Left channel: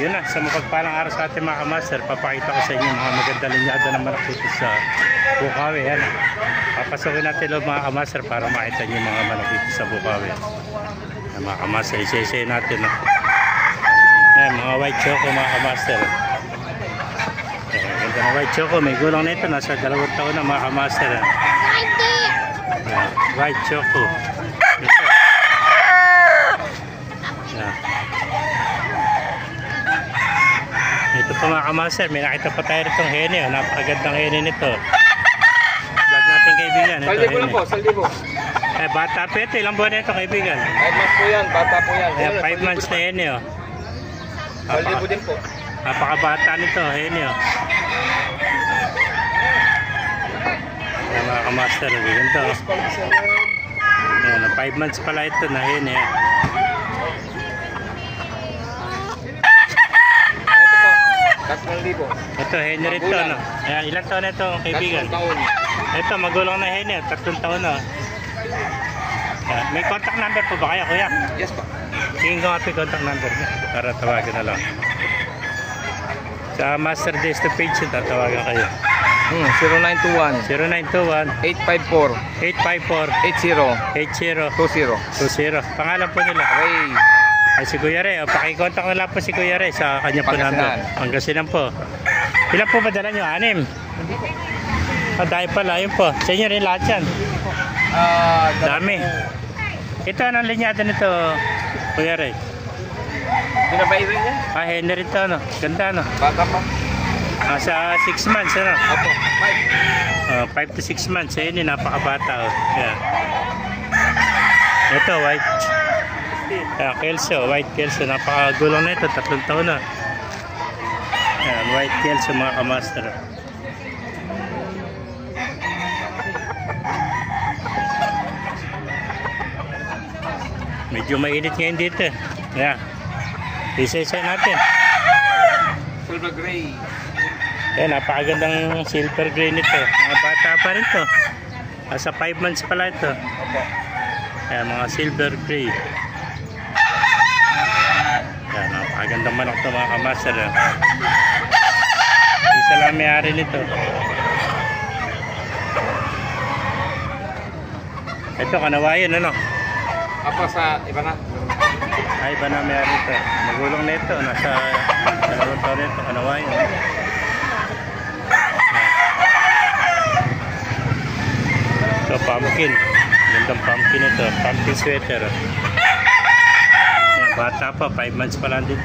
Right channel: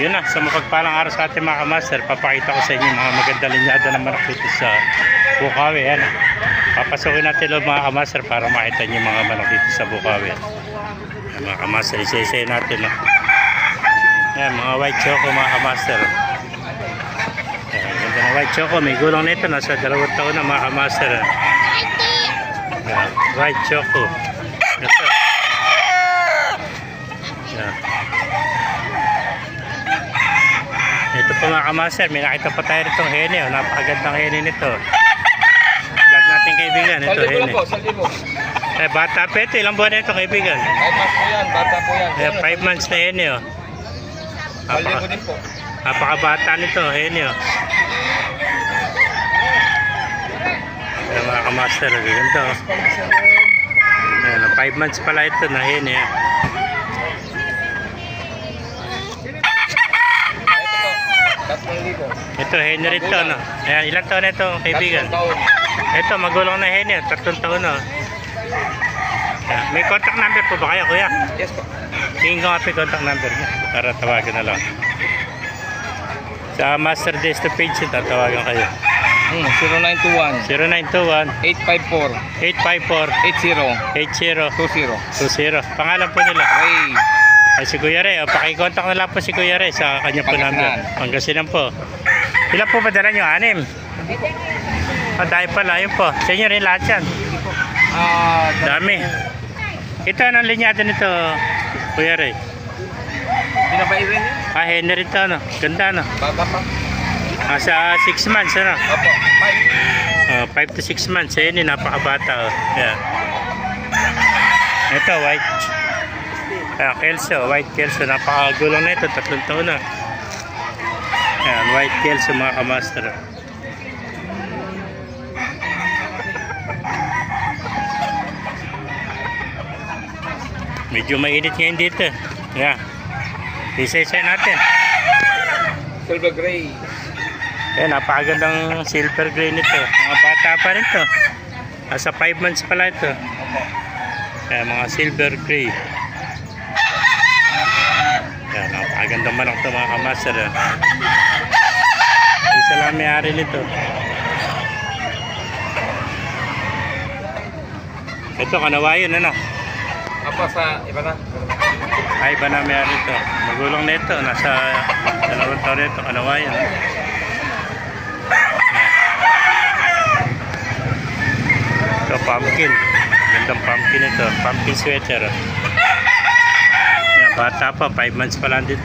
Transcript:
Yun na, sa mapagpalang araw sa ating mga kamaster, papakita ko sa inyo mga maganda linyada ng manok dito sa Bukawi. Yan. Papasukin natin loob mga kamaster para makita nyo mga manok dito sa Bukawi. Yan, mga kamaster, isa-isa natin. No? Yan, mga white choco mga kamaster. Yan, ganda ng white choco. May gulang nito, nasa 2 taon na mga kamaster. Yan, white choco. Ito. Yan. Ito pa mga kamaster, may nakita pa tayo ritong hene. Napakagandang hene nito. Vlog natin kaibigan. Ito hene. Eh, bata pa ito. Ilang buwan na ito kaibigan? 5 months po yan. Bata po yan. 5 months na hene. Napakabata nito hene. Ayan mga kamaster. Ganito. 5 months pala ito na hene. Ito, Henry ito, no? Ayan, ilang taon na ito, kaibigan? Ito, magulang na Henry, 3 taon na. Ayan, may contact number po ba kayo, kuya? Yes, po. Tingin ko nga po yung contact number niya. Para tawagan na lang. Sa Master Desto page, tatawagan kayo. 0921 0921 854 854 80 20. Pangalan po nila? Ray. Ay, si Kuya Ray. Pakicontact na lang po si Kuya Ray sa kanya po number. Pangasinan po. Ilan po ba dala nyo? 6? Hindi po. Dahil pala. Ayun po. Sa inyo rin lahat yan. Dami. Ito, anong linyada nito, Kuya Ray? Pinabayin rin yan? Henry ito, ano? Ganda, ano? Bata pa. Sa 6 months, ano? Opo. 5 to 6 months. Ayun, napakabata, oh. Yeah. Ito, white. Kelso, white Kelso. Napakagulong na ito. 3 taon na. Ayan, white Kelso mga kamaster. Medyo mainit ngayon dito. Ayan. Isa-isa natin. Silver gray. Ayan, napakagandang silver gray nito. Mga bata pa rin to. Nasa 5 months pala ito. Opo. Ayan, mga silver gray. Ayan, napakagandang manok ito mga kamaster. Isa lang may-ari nito. Ito, kanawayan, ano? Apo sa iba na. Ay, iba na may-ari nito. Magulong na ito. Nasa 2 taon nito, kanawayan. Ito, pumpkin. Gandang pumpkin ito. Pumpkin sweater. Ayan, bata pa. 5 months pa lang dito.